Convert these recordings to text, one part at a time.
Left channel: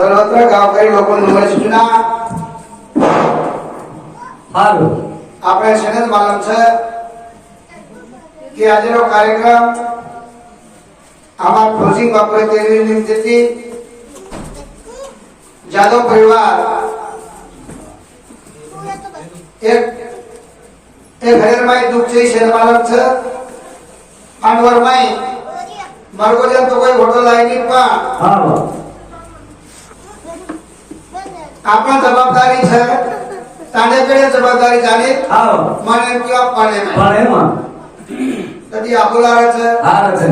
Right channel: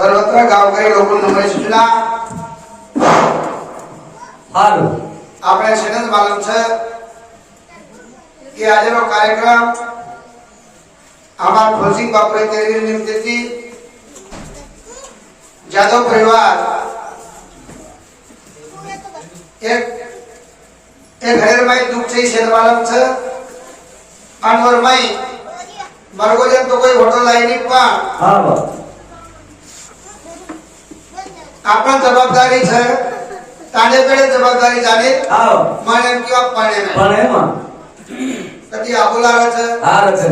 सर्वत्र गावकरी लोक मुंबई सूचना हालो આપણે સેનત માલમ છે કે આજનો કાર્યક્રમ આમાં ફોજી બાપરે તેરી નિમિત્તે જાદવ પરિવાર એક ઘરેરમાઈ દુઃખ છે સેનત માલમ છે અનવરમાઈ મરગોજન તો કોઈ હોટલ આવી નહીં પણ हालो આપણ જવાબદારી છે તાને પેડે જવાબદારી જાણે हालो મને કેવા પાડે पण है मग કદી આબોલાવે છે हार છે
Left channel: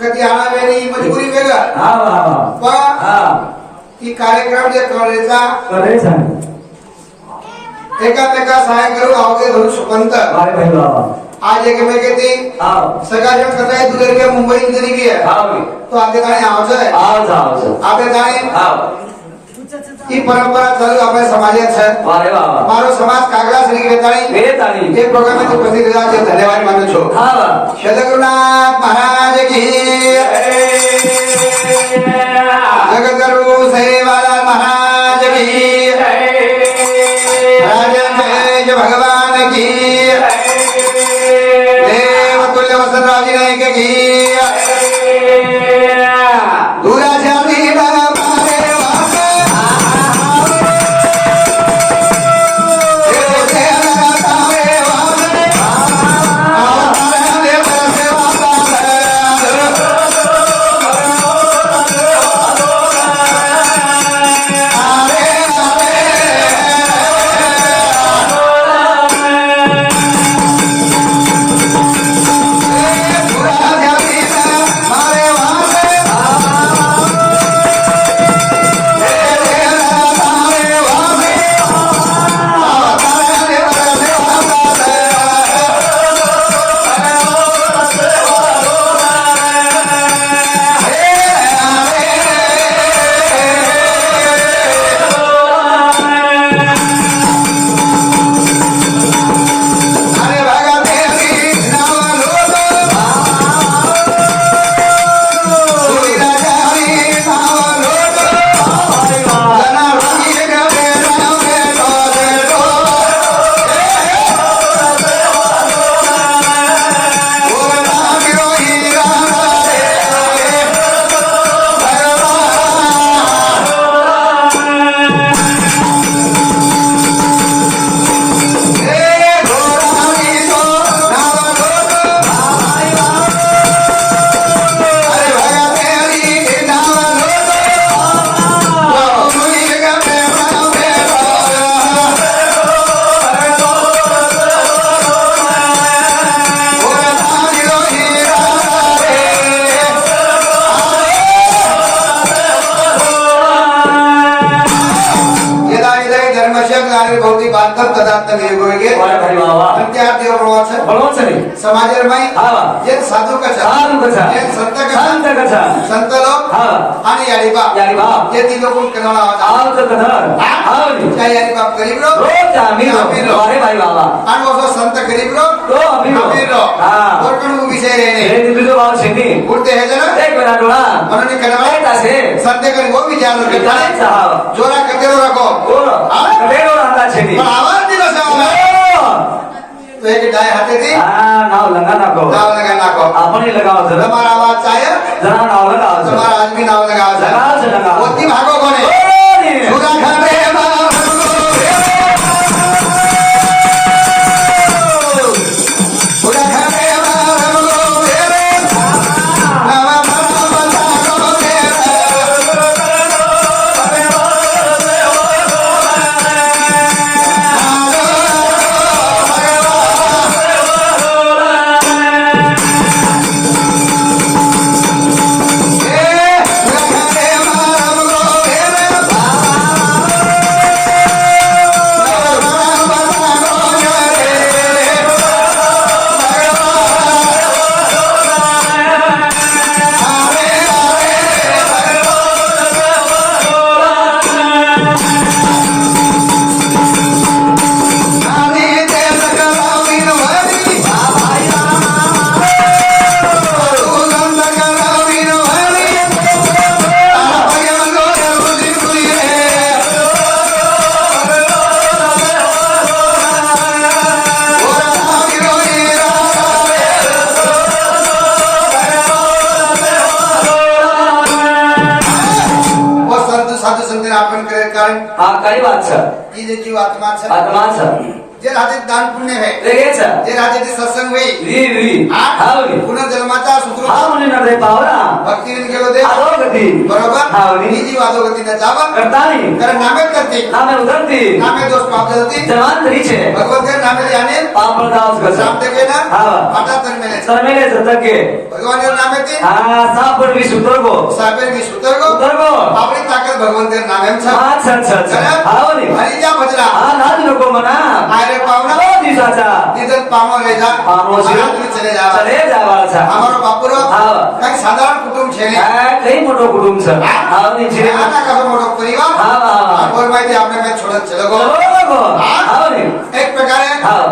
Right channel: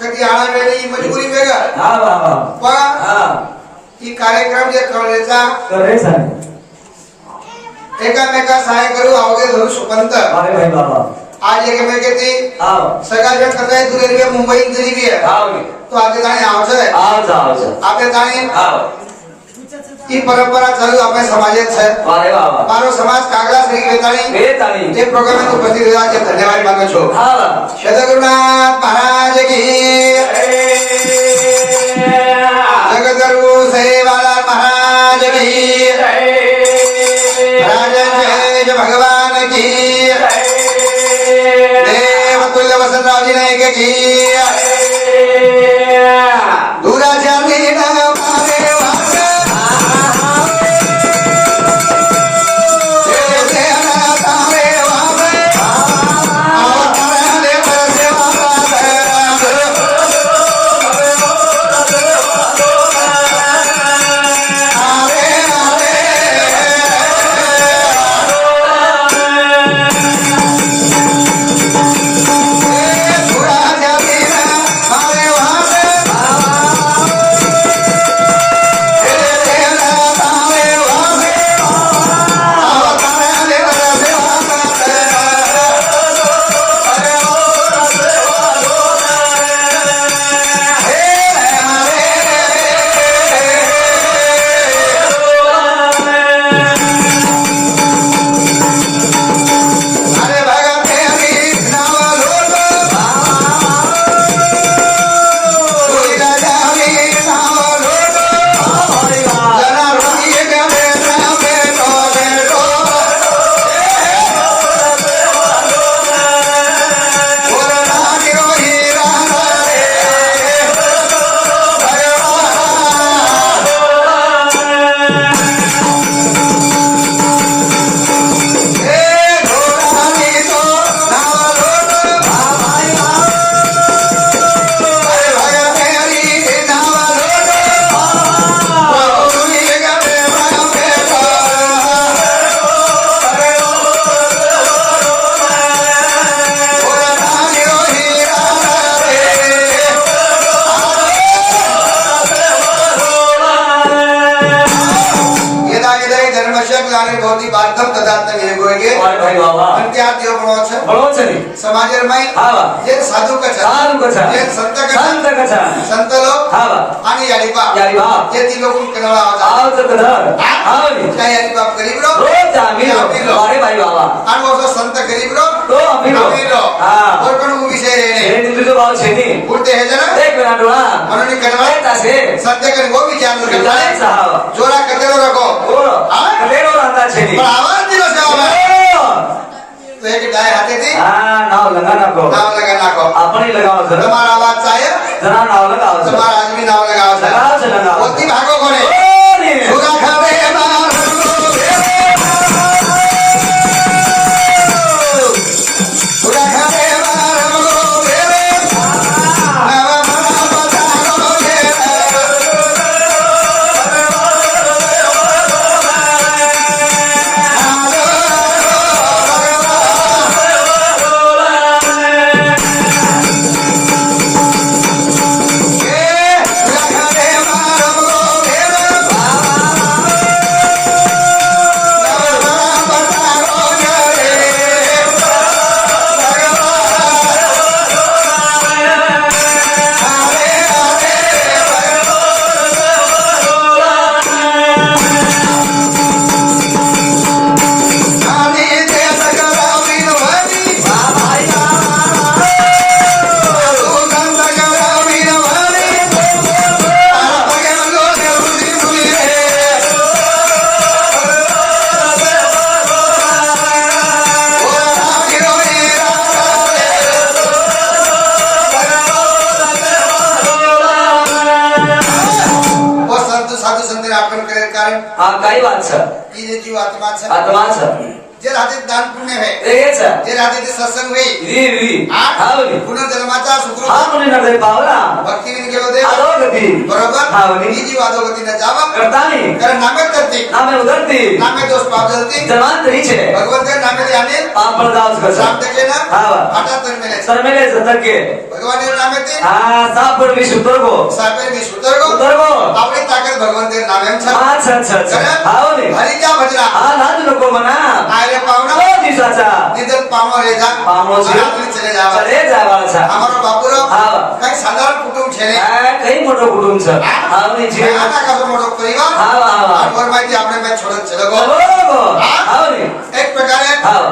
કદી આણા મેળી મજબૂરી વેગા हा वा वा पण हा ही कार्यक्रम जे करायचा करायचं आहे एकामेका सहाय्य करू अवघे धरू सुपंत अरे भाई बाबा आज एकमेकाची हाव सगळ्या कसं दुर्गी मुंबई दिली आहे हाव तो आगे जाणे आवश्यक आहे आवचं आपे जाणे हाव ही परंपरा चालू આપણે समाजात છે वारे बाबा મારો સમાજ કાગડા શ્રી વેતાણી वेताणी તે પ્રોગ્રામ નો ઉપસ્થિત રહ્યા છે ધન્યવાદ માનું છું हाव સદગુરુનાથ મહારાજ की જગતગુરુ સેવાલાલ महाराज की राजन भगवान की देवतुल्य वसंतराव जी ने की दूराच्या मीना मारे वासे देवदेवना तारे वासे आवतारे वासे समाजरमाई हावा एक साधू कथा एक संत कथा संत लोक हावा आणि याडी बाप ते ती लोक कनळा आवचं कथा आवली काय याडी बाप गरीब लोक रोज आम्ही अरे भाई बाबा आणि वो संत गरीब लोक तो आम्ही लोक हां और कोण विषय रे हे दिल्ली जो बाबा शेती उठते हे जण एक मिनिट डोळा म्हणून कनळा तासे संत गरीब वो विचार जायचं हाव जोरा कते रको ओ कदेरो राहता शेती पण आवाज दिला सेवा तो एक डाय हाते ती हां नाव लगा नको नाव लगा नाको आपणही लगाव जरा તમારા आवाज चाहे जरा नाव लगाव તમારા आदमी नाव लगाव लगाव लगाव होती भागो कोणे सुगा खावे सुगा खावे कारण આ કઈ વાત છે की जे जीव आत्मा છે આત્મા છે जे राहते दान पुण्य है તે કે છે जे राहते ते सत्संग होई રી રી હાવની पुनर्जन्माचा सुकृत હા મને નડે પાવના भक्तीने गेलो दे આલો ગતિ बरोबर हावनी. ही जीव अधोगतीने जावा કરતા નહીં कारण नामे करते નામે ઉતરતી नामे दोष पाप जलती જન્માંતરી છે भगवंत नामे याने પાપ પ્રદાસ કર साप देखे ना હા हटा तर मेले સરમેલે સતકે भगवान नामे ते આ સાપ પર વિશ ઉતરગો सापेर भी सुतर गो ઉતરગો आपली ताकद भगवंत नामे छ अच्छा अच्छा अच्छा हावनी हरी क्या भजरा આ નાદ લોકો મના आयरे पावना ઓ દિશાचा निदत पामो रे जा પામો છે अनाथली चले जावा ચલે જવાળા છે અમારો બાપુરો હા કઈ સાધારણ કુટુંબ છે ને આ કઈ મોટો કુટુંબ છે હાવની છે આના કાસો મોટો પરિવાર હા હા હા और माहिती આપણે મેં છોડત ચલો ગો ચલો હાવની એક પ્રકારે હા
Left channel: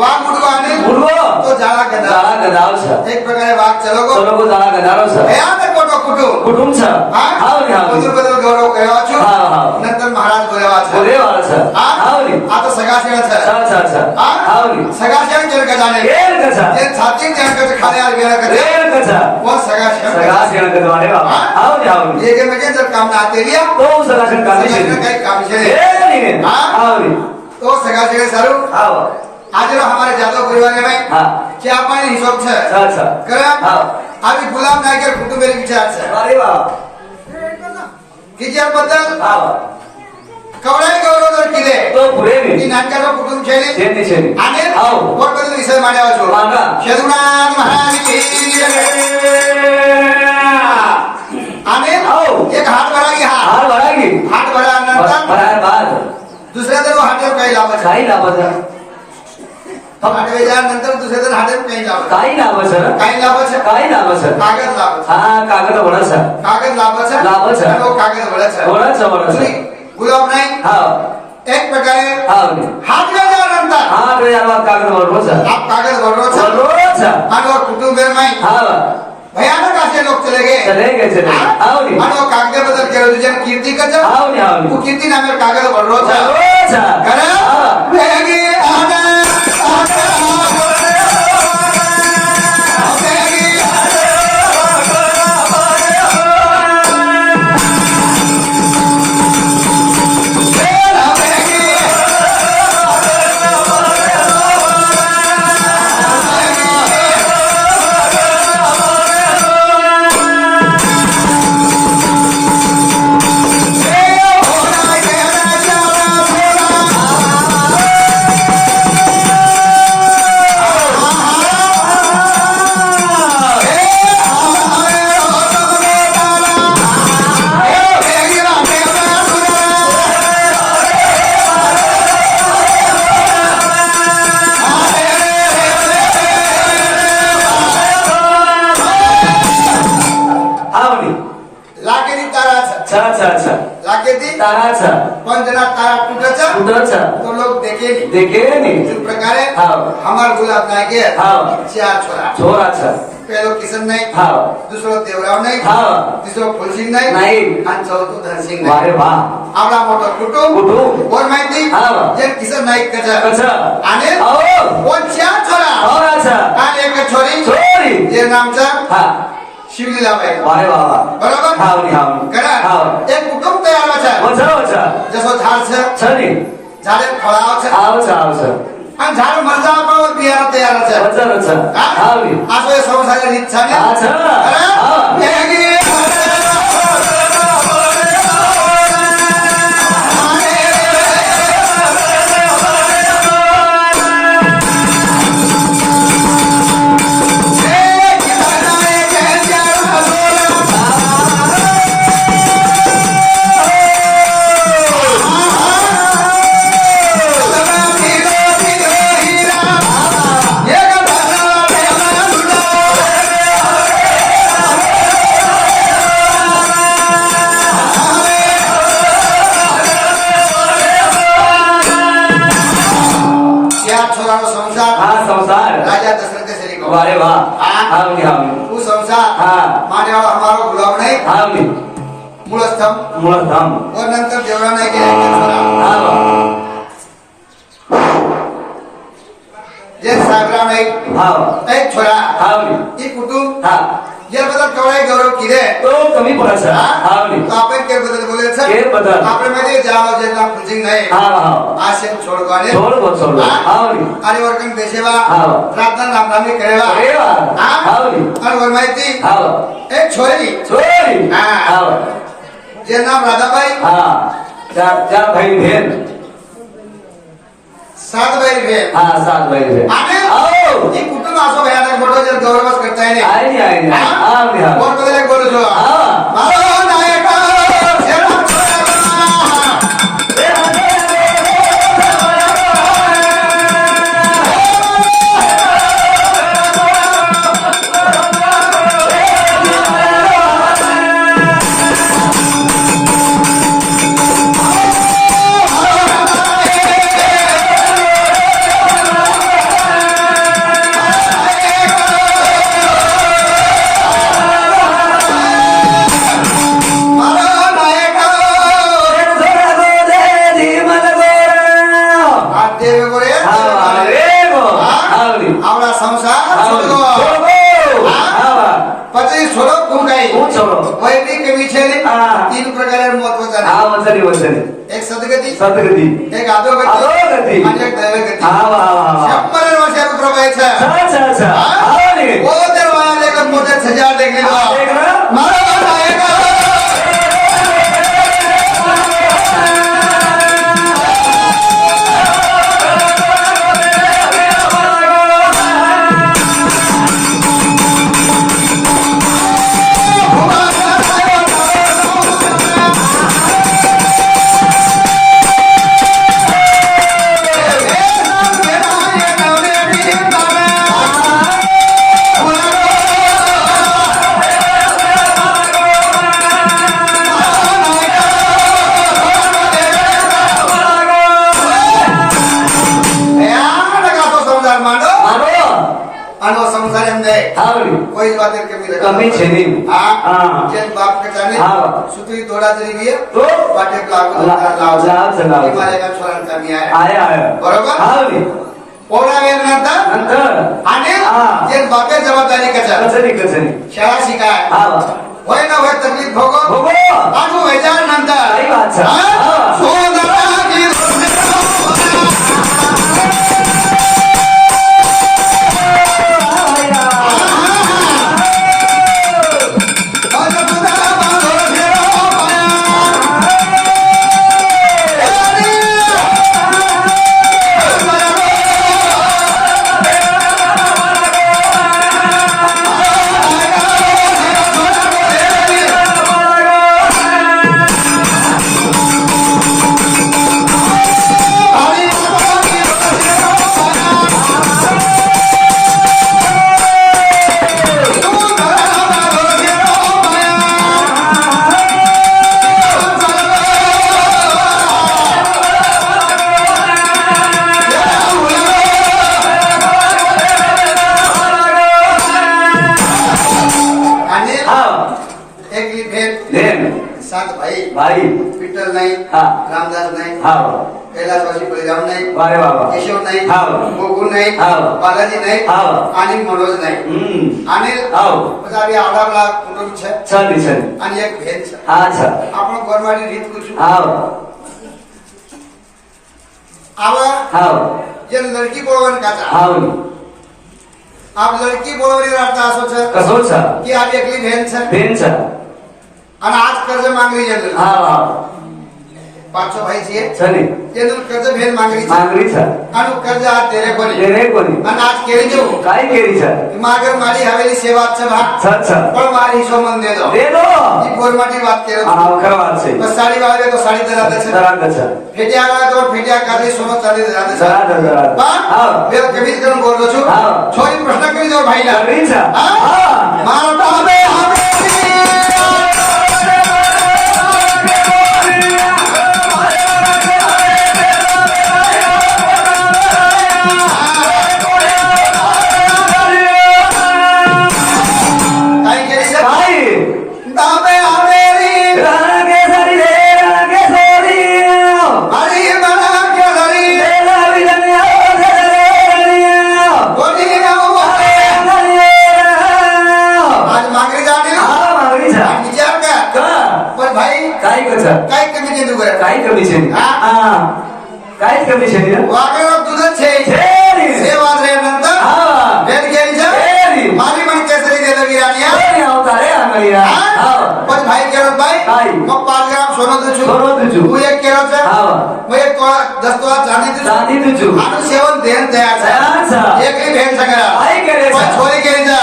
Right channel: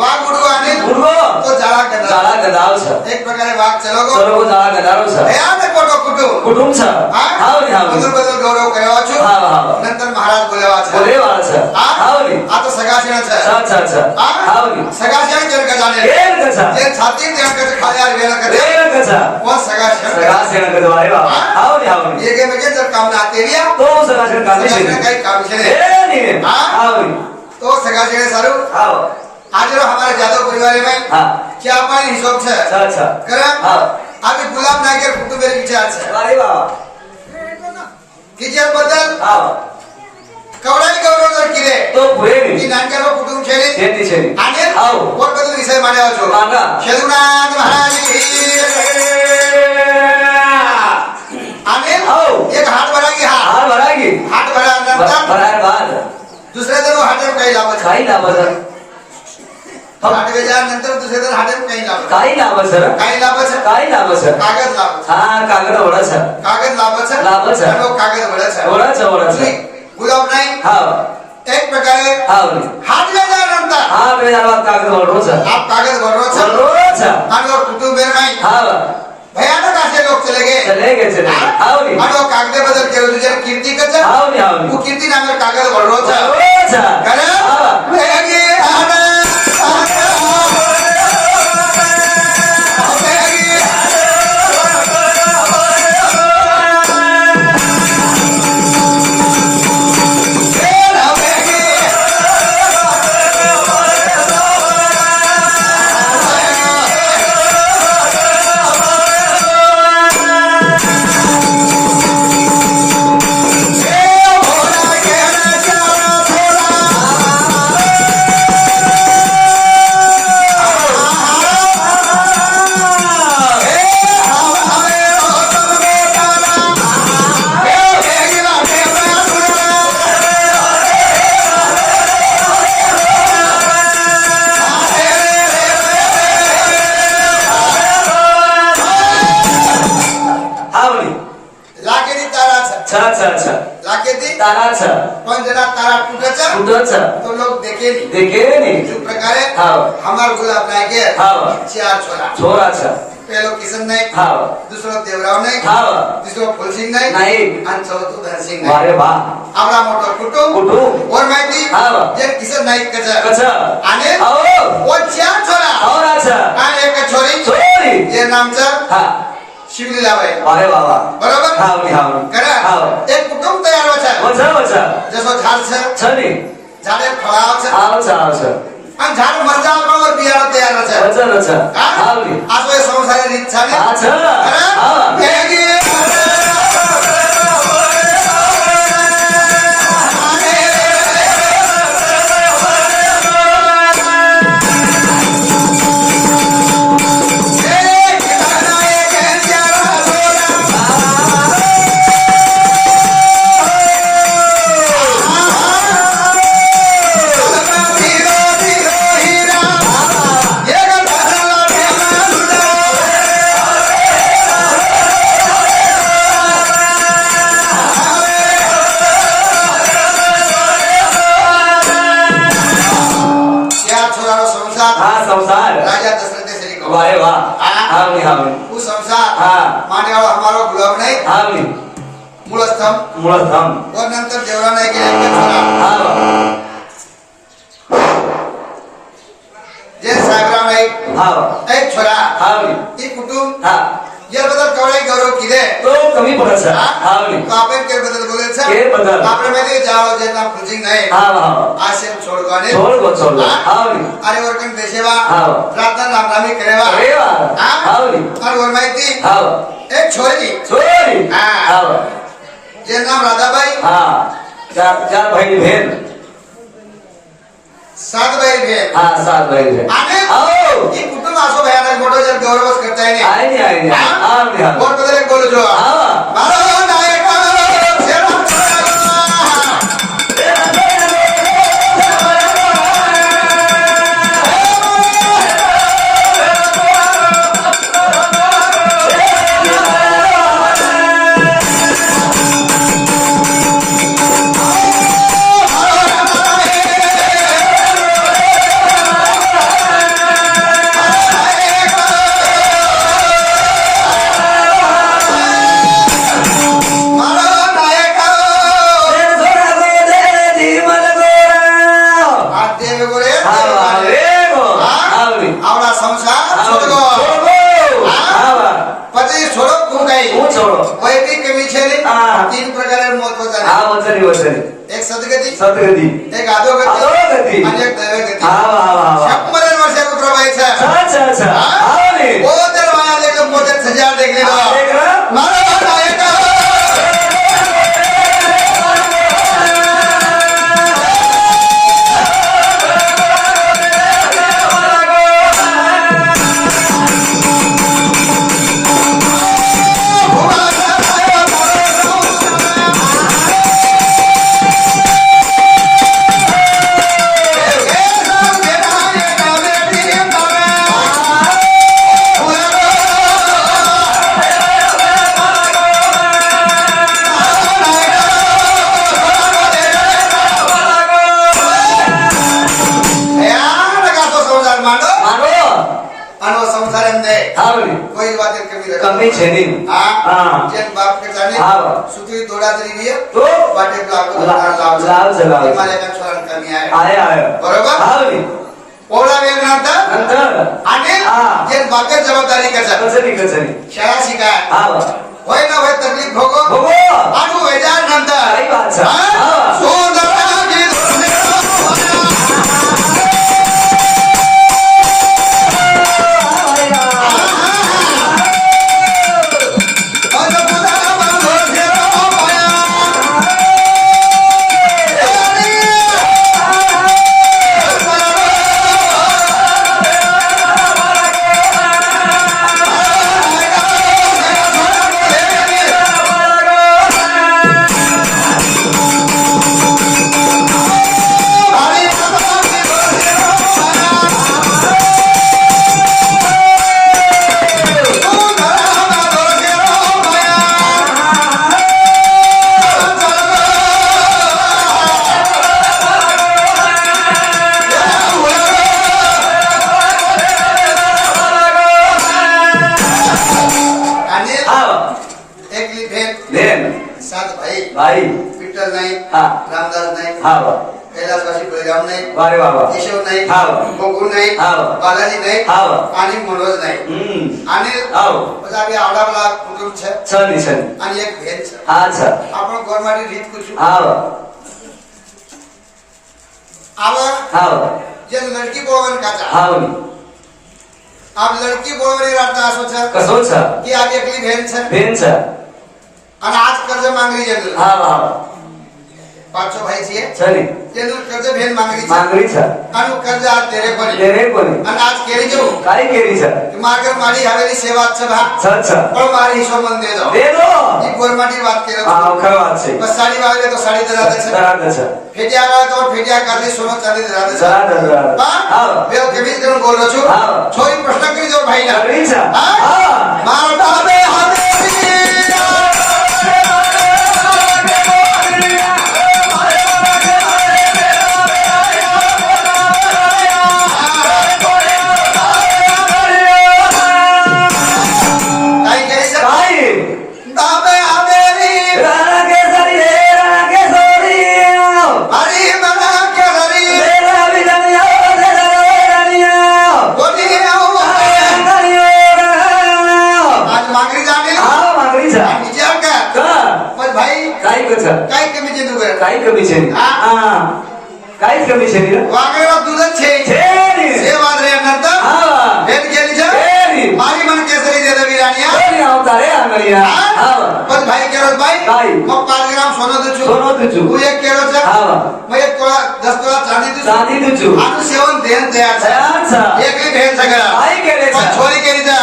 વાઘ ઉડવાને ઉડવો તો જાળા ગદા જાળા ગદાવ છે એક પ્રકારે વાઘ ચલો ગો ચલો જાળા ગદારો છે ભયાનક મોટો કુટુંબ કુટુંબ છે હા હાવની હાવની બધું બધું ગૌરવ કહેવા છો હા હા નંતર મહારાજ બોલાવા છે બોલેવાળા છે હા હાવની આ તો સગાસીણા છે અચ્છા અચ્છા હા હાવની સગાસીણા કેમ ગજાને કેમ કછા જે છાતી કેમ કે ખાલી આ વેરા કરે કેમ કછા वो सगासीણા સગાસેણ કદવારે બાબા હાવની હાવની ये के में जब काम ना आते रिया તો સગાસેણ કામે છે સગાસીણા કઈ કામ છે એ ની હા હાવની तो सगासीણા सारू આવો आज हमारे जादव परिवार में હા क्या पानी हिसाब છે અચ્છા કરે હા આવી ગુલામ નાયकर कुटुंब मेरे विचार છે અરે બાબા किचन बद्दल આવો कवडाई गौरव जर किरे તો પુરે की ની नानकरो कुटुंब છે ને છેની છેની आगे આવો और बदल विषय माड्या છો માંગા शेदुनाथ महाराज आने आओ एक हाथ भरा की હાર ભરાગી हाथ भरा नंतर ભરાર બાદ दुसऱ्या दिन हाथ काही लाभ કાઈ લાભ છે हाथ वेजा नंतर दुसऱ्या दिन हाथ काही लाभ કાઈ લાભ છે काही लाभ છે કાઈ લાભ છે कागद लाभ છે હા કાગળ વડા છે कागद लाभ છે लाभ છે. અને वो कागद વળે છે વડા છે ગુલાબ નહીં હા એક પ્રકારે હાવની હાથ વેજા નંतर હા બે આવા કાગળ વડો છે आप कागद वळरो છે વડો છે आणि कुटुंब नाही હા भयानक असे लोक चले गे ચલે કે ચલે આવની आणि कागद बदल केलं तुझ्या कीर्ती कच આવની આવની तू कीर्ती नामे कागद वळरो છે વડો છે करे હા वेगे आना આવની લાકેની તારા છે છ છ છ લાકેતી તારા છ પણ જરા તારા તૂટે છે ઉડો છ तो लोग देखे नहीं દેખે ની इस प्रकारे हाँ। हमार गुलाब नायके हाँ। चार छोरा છોરા છ पहलो किशन नहीं હા दूसरो देवराव नहीं હા तीसरो फुलसिंह नहीं नहीं। और चौथो धनसिंह नहीं વારે વાહ आवडा मोठो कुटुंब कुटुंब और माहिती हाँ। जे किशन नाईक कच કછ आणि આવો वो चार छोरा છોરા છ आणि एक छोरी છોરી जे नामचं હા शिवलीलाबाई વારે વાહ વાહ बरोबर હાવની હાવની करा હા एक कुटुंब तयार છે વછા વછા जसो झाड છે છ ની झाडे फळाव છે આવ છે આવ છે आणि झाड मरजाव पण वर बियाणं तयार છે વછા વછા હાવની असो हे संसार रीत છે હા છ હા वेगी હા સંસાર राजा दशरथ श्री को વારે વાહ હા. હાવની હાવની वो संसार હા माने वाला हमारो गुलाब नहीं હાવની मूळ स्तंभ મૂળ ધામ और नंतर देवरा नाही गेले एक छोरा હા जे साहेबराव नाही હા एक छोरा હાવની ही कुटुंब હા या बदल कवडाई गौरव किरे તો કમી પડે છે હાવની तो आपण के बदल बोले છે के बदल आपल्या मध्ये जाओ जे ना खुजिंग नाही आशे छोडवाने छोड़ हावली अरे वरकन बेसेवा हाव प्रार्थना नामनामी करेवा हावली और वर माहिती हाव एक छोरी हाव जे नाम राधाबाई चार भाई बहन 7 भाई बहन 7 भाई बहन आणि ही कुटुंब असो भयानक मोठो जर गौरवच करता येणे आई कोण बदल बोलू जो मारो नायक तीन प्रकार महत्वाचा एक सदगती एक अधोगती आणि एक दैवगती 100 वर्षाचा प्रभायचा ओ तर वाया लेकर मोठे सजा देखले मारा कमी छेनी जन बाप के जाने सुतरी थोड़ा तरी भी है तो बाटे लाव हिमालय का स्वरण कमी आया बरोबर पोळा वेळ नंतर आणि जन बापे जबाबदारी कचरी शाळा शिकाय होय ना होय तकलीफ भोगो आणि व्हायच्या नंतर भाई विठ्ठल नाही रामदास नाही कैलासवासी बळीराम नाही अरे बाबा केशव नाही गोकुळ नाही बालाजी नाही आणि मनोज नाही आणि आम्ही आवडावला कुटुंब छे आणि एक भेन छे आपण गोरमाडी रीत कुछ आवा जे लड़की बोलवन काचा आप लड़की बोलवणी राहता असो छे कसो छे की आज एकली भेन छे आणि आज कर्ज मागणी जनरल 500 भाई छे चली जनरल कर्ज भेन मागणी छे आणि कर्ज आज तेरे कोणी आणि आज केळी देऊ काय केळी छे मागर माडी हवेली सेवाच भाग पण मारी हिशो मन दे दो जी गोरमाटी बात करे खरा बात छे बस साड़ी वाले तो साड़ी दराद छे फेटिया वाला तो फेटिया करली सोनो चांदी दराद हां वे कमीज करून बोललो छु छोरी प्रश्न करी दो भाईला मारो बाबे हाथे काय कमी चेंडू कर काय कमी छे हा? काय कमी छे वागेला तुझं छे छेरी. छे वाजरे नंतर हा भेट केली छे छेरी. मारी मन केसरी दे दवी रानिया छेरी आवतारे आंगलिया हा पण भाई केलं बाई. बाई मग 5 ग्राम सोनं तुझू सोनं तुझू. तू एक केलं छे हा मग एक तोळा 10 तोळा चांदी तुझू चांदी तुझू. आणि सेवन देन तयार छे अच्छा एकही भेट सगळा काय केले पण छोरी केली जा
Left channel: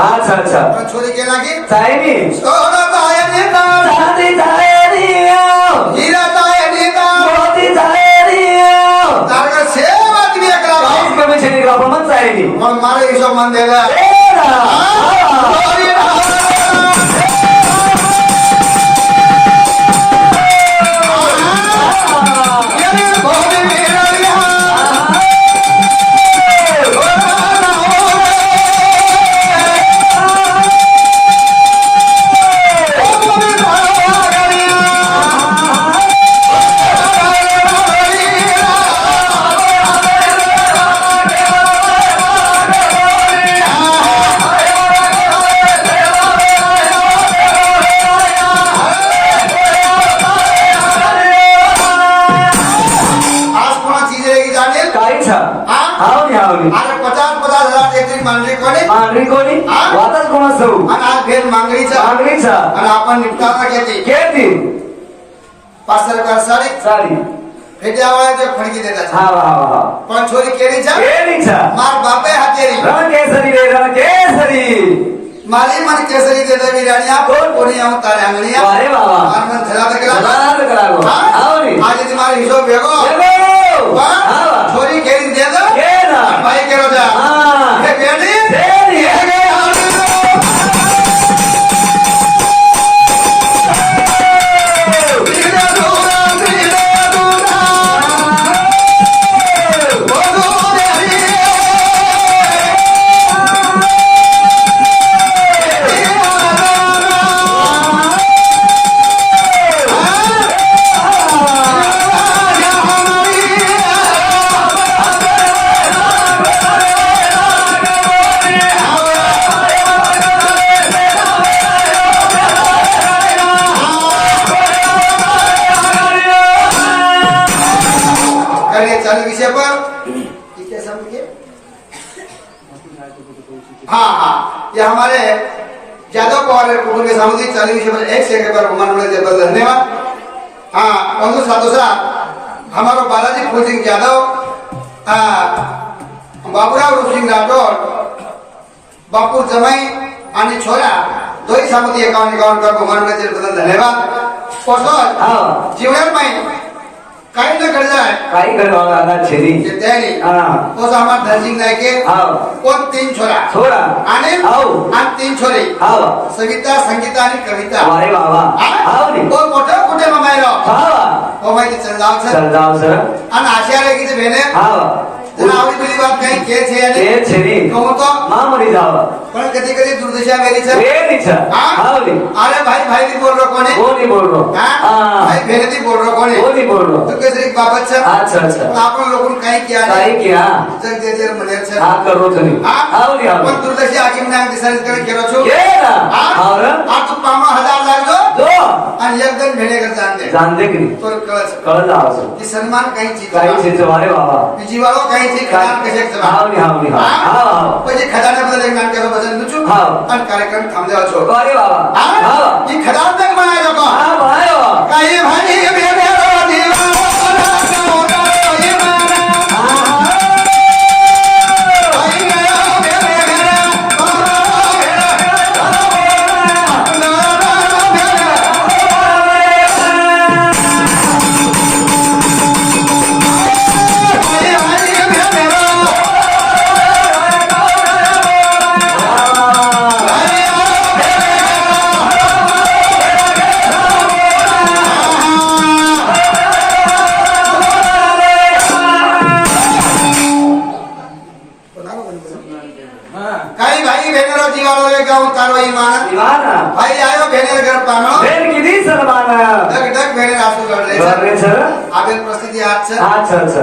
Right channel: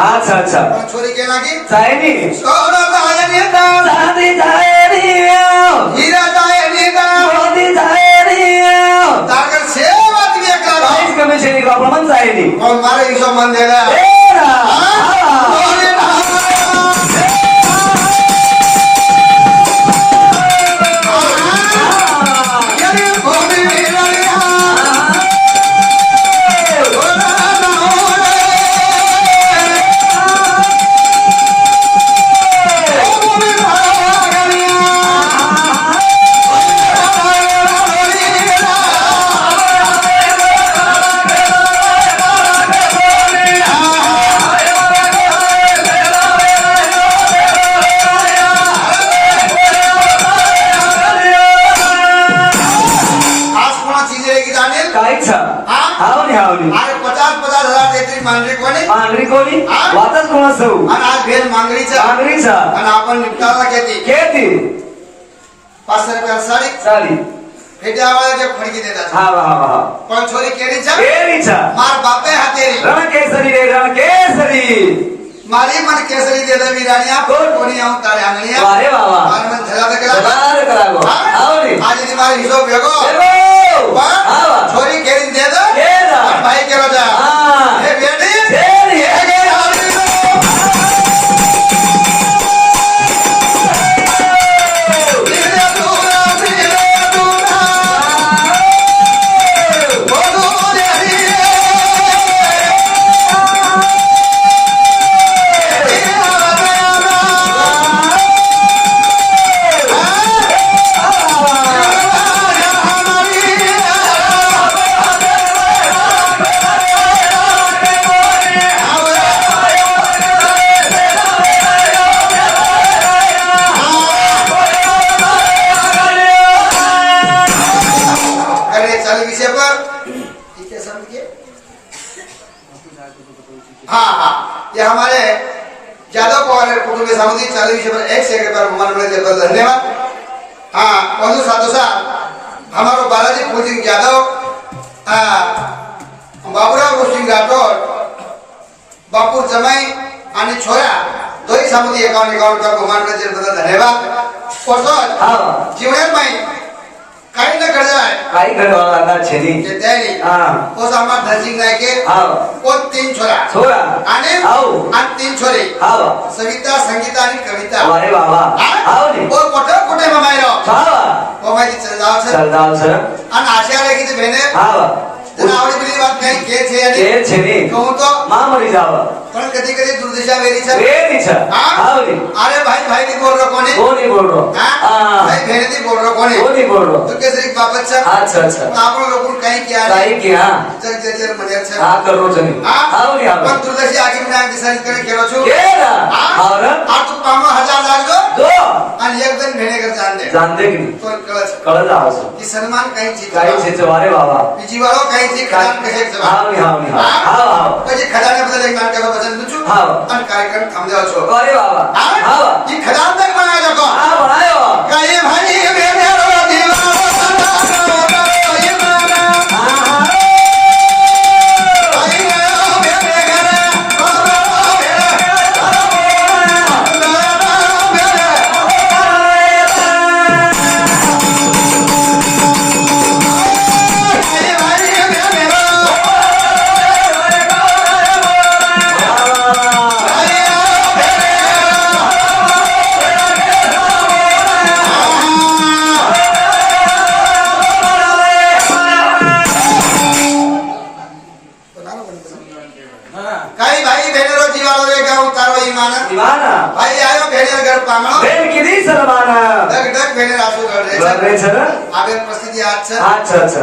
अच्छा अच्छा छोरी केला की चायनी सोनं तायनी चांदी चायनी हीरा तायनी मोती चायनी तारकर सेवा तुम्ही एकला काहीच कमी छे का प्रमाण चायनी पण मला हिशोब मन दिला अरे 50,000 देत्री मांडरी कोणी मांगरी कोणी वातच कोणा सौ आणि आज भेट मांगरीचा मांगरीचा आणि आपण निपटावा घेते केती 500 रुपये साडी चाली भेटे आवाजाचे फणकी देतात हा हा हा पण छोरी केळीचा केरीचा मार बापे हातेरी रण केसरी माली मन केसरी दे दवी रानिया कोणी आऊ तारे आंगलिया अरे बाबा मार मन धरा दे करा करागो आवली आज ती मारे हिशोब बेगो हा छोरी केळी दे दो केला भाई केरो जा हा हे बेडी केली ये हमारे यादव पवार कुटुंब समिति 40 विषय पर 1 सेकंड पर हमारे लिए धन्यवाद। हाँ बंधु साधुसा हमारो बालाजी फूल सिंह यादव बाबूराव रूप सिंह राठौर बापूर जमाई आणि छोरा दोही समिति 51 कर हमारे लिए धन्यवाद। पोसोत जीवनात में काही न घड जाय काही करवा लागा छेरी ते त्यानी पोस हमार धनसिंग नायके कोण 3 छोरा आणि 3 छोरी सविता संगीता आणि कविता अरे बाबा कोण कुठे ममायरो ओ माहिती चल जाव सर आणि आशा रे की बहने जना आवडी बिली बात काही के छे आणि के छेरी कोण तो मामरी जाव पण कधी कधी दुर्दिशा वेरी छ अरे भाई नी बोल रहो कोणी हां भाई बहने नी बोल रहो कोणी बोल रहो तो कैसे बाबत छ अच्छा आपण लोगों काही किया जग जे मने छ हां करो जनी हां पण दुर्दशा आकी मी डिसाइड करे केलो छु केला और आ तू 5000 लागो दो आणि एकदम भेणे कर जान दे की तो कळ जाव सर की सन्मान काही चीज अरे बाबा बीजी वालो काही चीज खजान कसे जमा हां म्हणजे खजान्याबद्दल एक नाटक बदल नुचू आणि कार्यक्रम थांबले छो अरे बाबा हां की खजान तक बनाया को हां बनायो काही भाई भेणे उतारो ईमान ઈમાન भाई आयो भेने घर पांगणो બેન કીધી સલમાન डग डग भेने रासू जोड़ रे બરાબર છે ને आबे परिस्थिति हाथ से અચ્છા અચ્છા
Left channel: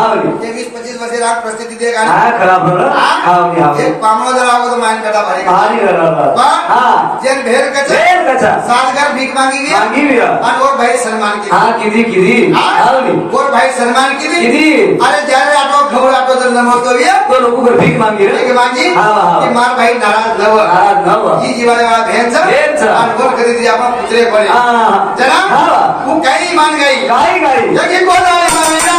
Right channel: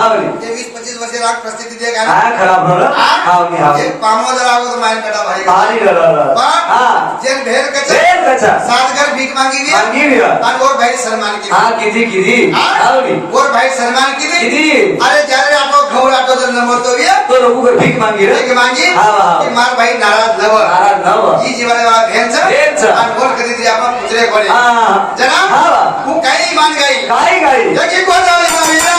આવની ये 20-25 वर्ष रात परिस्थिति देगा હા खराब हो रहा આવની આવની एक पांगणो जरावो तो माइन कटा भारी પાણી રરા હા जेन भेड़ कचा બેન કચા सात घर भीख मांगी भी માંગી વ્યા और और भाई सलमान की હા કીધી આવની और भाई सलमान की કીધી अरे जारे आटो खबर आटो तो नमो तो ये તો લોકો ઘર ભીખ માંગી રે भीख मांगी हाँ, हाँ। कि मार भाई नाराज नव નારાજ ન હો जी जीवाले वाला भेन छ भेन छ। और बोल करी दिया अपन पुत्रे पड़े હા जना હા वो कई मान गई ગાઈ ગાઈ यही बोलो इतना मेरा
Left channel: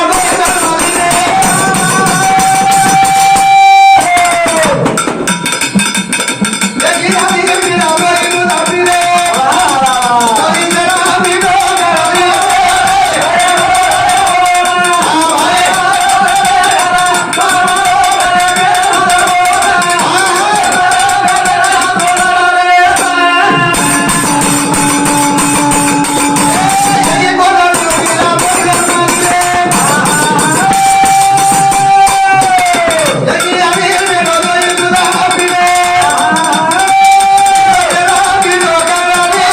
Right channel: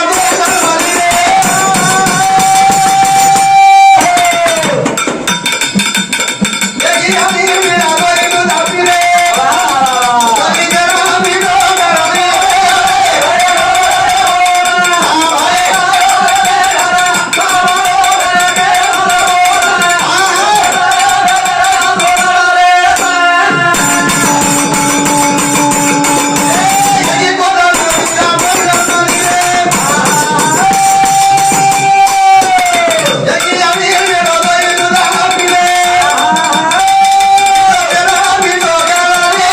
यही हमी मेरा बोल तो धापी रे कभी जरा भी नो मेरा रे यही बोलो मेरा बोल तो धापी रे यही हमी मेरा बोल तो धापी रे मेरा भी तो करो रे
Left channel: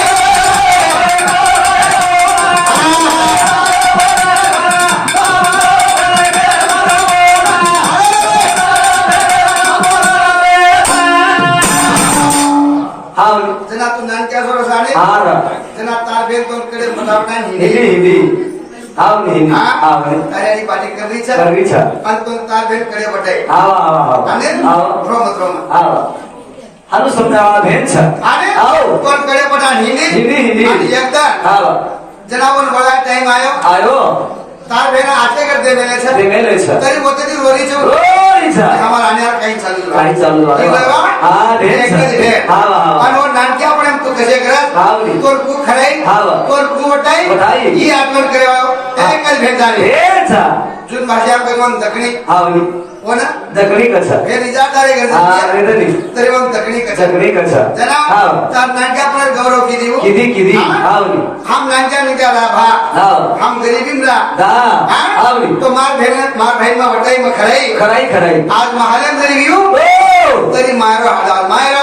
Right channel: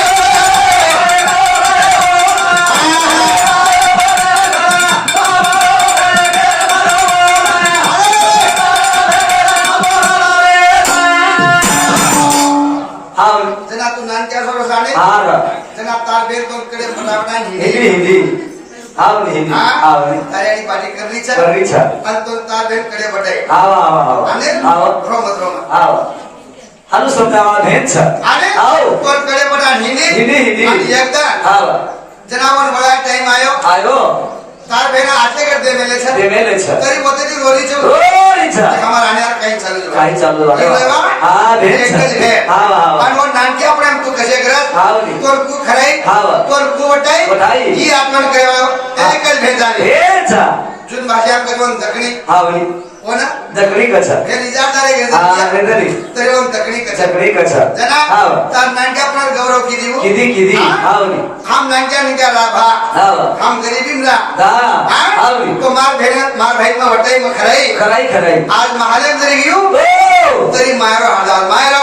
આવની जना तू नानक्या सोबत साडे હા जना तार बेन तो कडे फटाफटा हिंदी हिंदी हिंदी आवनी हिंदी हा आवनी तारी पाठी करली छ करवी छ आणि तो तार बेन कडे बटाई આવો આવો आणि આવો रोम આવો હાલો સમજાવવા ભેન છે आणि આવો तो कडे बटा हिंदी हिंदी हिंदी आणि एकदा આવો जनावन बळा टाइम आयो આયો तार बेन आटले कर दे मेले छ તે મેલે છે तरी बोते ती रोरी छ ઓરી છે हमार आने काही चालू काही चालू झालं. हा, भेन छ. हा, हा. आणि वो नानक्या पण तू कसे करत आवनी. तोर कू खराई हा. तोर कू वटाई वटाई. ही आठवण करेवा एकच भेट झाली ભેન છે जून भाषा करून दखणी આવની हो ना દકડી કછા हे निजादारे હા घेतली રેદલી तरी मग दखणी कसा દકડી કછા जना हा तार नानक्या पण गौरव की देऊ કીધી કીધી हा? આવની हम नानक्या निका राभा આવો हम गरीबी रा દા આવની तो मार भाई में वटाई में खराई ખરાઈ ખરાઈ आज महाले जरी घेऊ ओ तरी मायरो हाडाल मायरो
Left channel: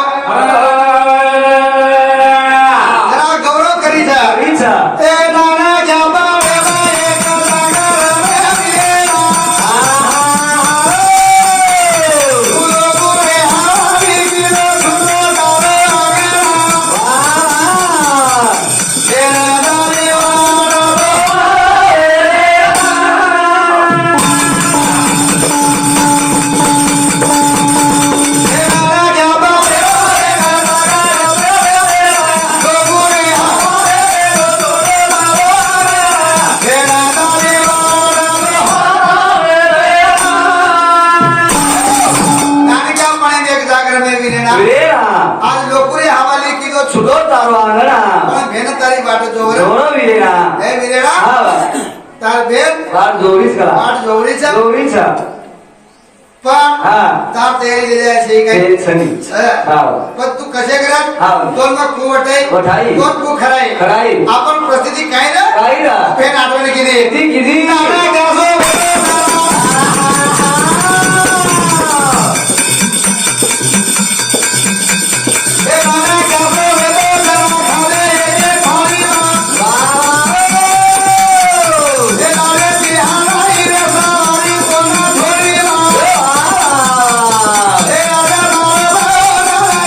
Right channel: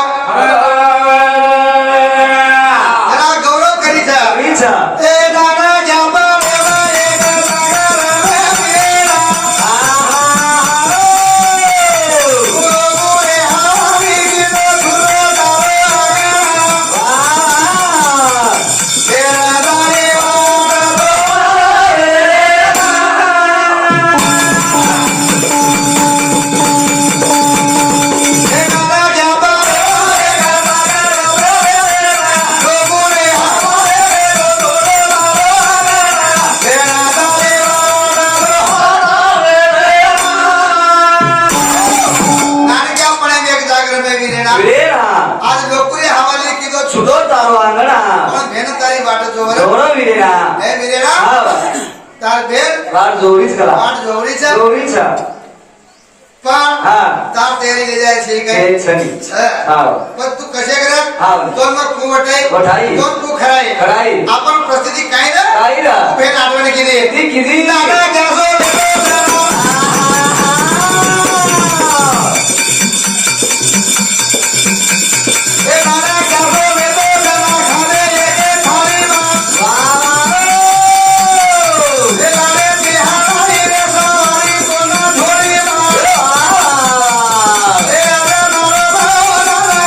जना गौरव करी जा ઈચ્છા ए नाना जाबा वेला एक लागा रे वीरा गोरे हावी गिलो झुलो दारो ए नाना रे वाडा ए नाना जाबा गोरे हावी ए नाना रे नानक्या पण एक जागर में वीरेना વેરા आज लोकुरे हवाली की तो छुटो છૂટો તારો આંગણા पण भेन तारी बाट जोवर જોરો વીરા हे वीरेना આવા तार भेन વાત જોડીશ કરા बाट जोवरी छ જોડી છે पण हा तार तयारी ले जाय छै એ काही છની हा. આવો पण तू कसे करत हा. दोन मग कू वटाई वटाई. दोन कू खराई ખરાઈ आपण परिस्थिती काय ना કાઈરા भेन आठवण केली કીધી કીધી नाना जासो ए नाना जासो वेतो जना खाले एके थाली ए लाले बिहारी रे सवारी कोना छोड़ी ए राजा बाबा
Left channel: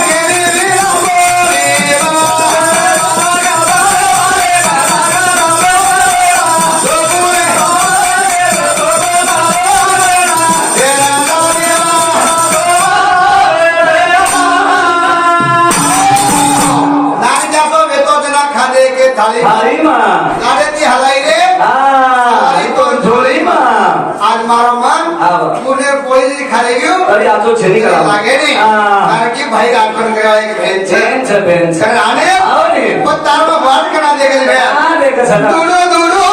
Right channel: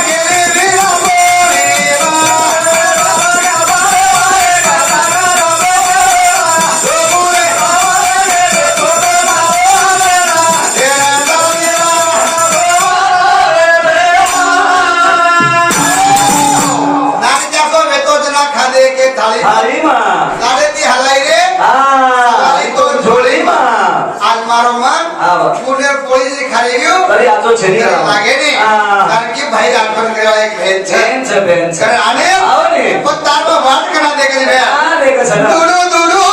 गेली बिना नानी जासो वेतो जना खाले एके थाली થાળીમાં लाडे ती हलाई रे આ थाली तो જોડીમાં आज मारो मन આવા पुणे पोळी जरी खाली घेऊ તરી આતો છેની तरी કરા लागे नाही हा कारण की भाई आठवण करायला एक भेद છે બેન છે બેન છે कारण आने આવો ને पण तारवा वाट करा दे गेली भैया આ દેખ સના दुडू दुडू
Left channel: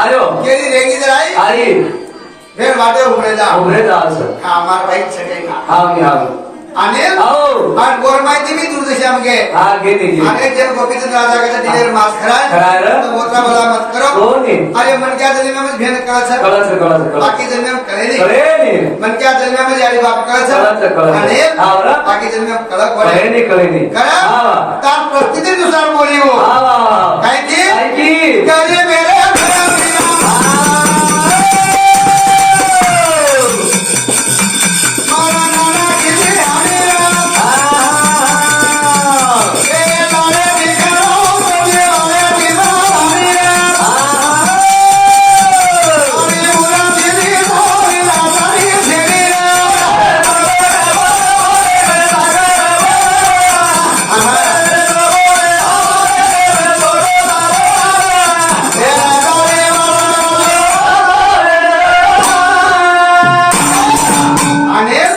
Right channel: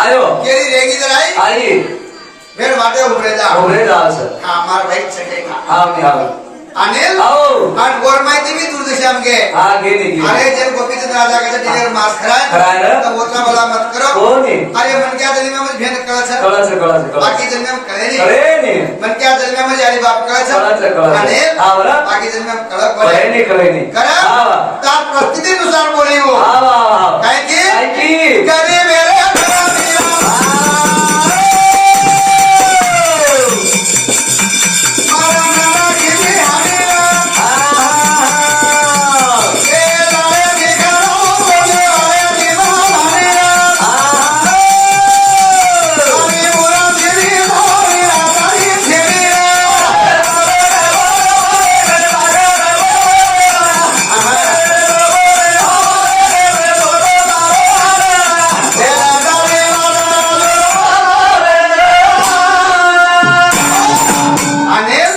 आयो केरी रेगी जराई आई भेड़ वाटे उभरेला असं हा मार बाईक सगळे ना हा मी आलो अनिल आओ आणि गोर माहिती मी तुझं श्याम घे हा गेली अरे जब गोपीचंद राजा का डिलेवर मास खराय खराय रे. तो बोतला मला मत करो कोणी अरे मन क्या जन्म में भेन कळच कळाचं बाकी जन्म में कळे नाही कळे नाही मन क्या जन्म में यारी बाप कळच कळाचं अनिल हा बरं बाकी जन्म में कळक कळे बोले नाही करा हा तार परिस्थितीनुसार बोली वो हा वा काय की काय की करी मेरे घरा मिया मरना किसी हमीरा ये लाले दिखाओ मुझे वाले दीवानिया अभी बुरा तेरी बोला सारी तेरी अनिल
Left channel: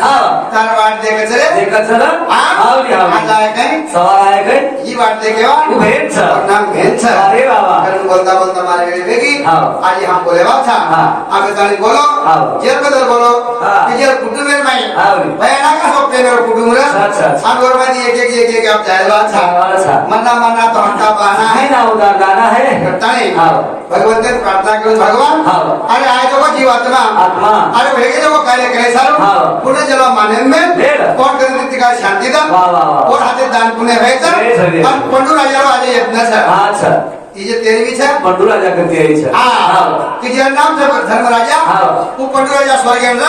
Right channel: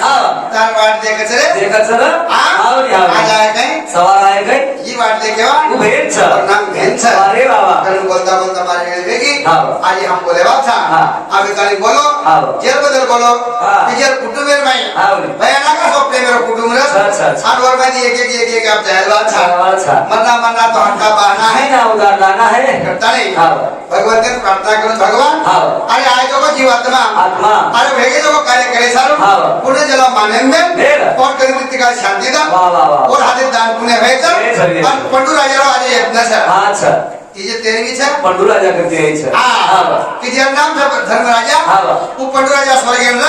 तार वाट देखच रे देखत ना आवडी आज आवडी आहे काय सवाल आहे काय ही वाट देखेवा उभेच नाम भेंच अरे बाबा कारण बोलता बोलता मारे वेळ वेगी हाँ। आज हम बोले बात था हाँ। आगे काली बोलो हाँ। जेर बदल बोलो हाँ। जेर कुटुंब में नहीं हाँ। भयाना का स्वप्न मेरा कुटुंब रे अच्छा। हम और में एक आप जाए बात था अच्छा मरना तो हंका पाना है है ना उधार लाना है करता नहीं हाँ। भगवान ने प्रार्थना करो भगवान हाँ। अरे आज जो जीवात्मा आत्मा अरे भेगे जो कार्य करे सारो हाँ। पुण्य जला माने में बेड। कौन करे का शांति दा वाह वाह वाह और हाथे दान पुण्य व्हायचं हे सगळे. आणि पंडू राजाला आज यज्ञ छा अच्छा तिचे तेरवी छा पंडू राजा करते यायचं हा तिचे नाम छा धर्मराजा हा. तू पंडू राजा स्वर्गेंद्र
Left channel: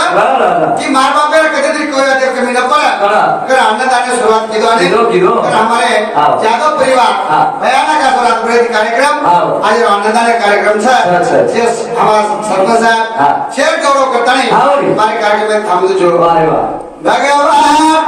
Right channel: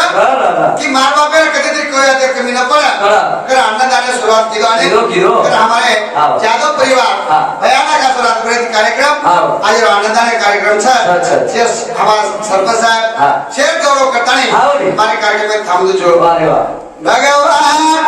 की मार बापेला कधीतरी कोया ते कमी न पडा पडा. तर अन्नदाने सुरुवात केली आणि किलो. तर हमारे हा. जादव परिवार हा. भयानक असा रात्रभर कार्यक्रम हा. आज अन्नदाने कार्यक्रम छा अच्छा. जे हमारा सरपंच हा. साहेब शेर गौरव करतानी हा. हमारे कार्यक्रम में थांबलो जो अरे वा भगवान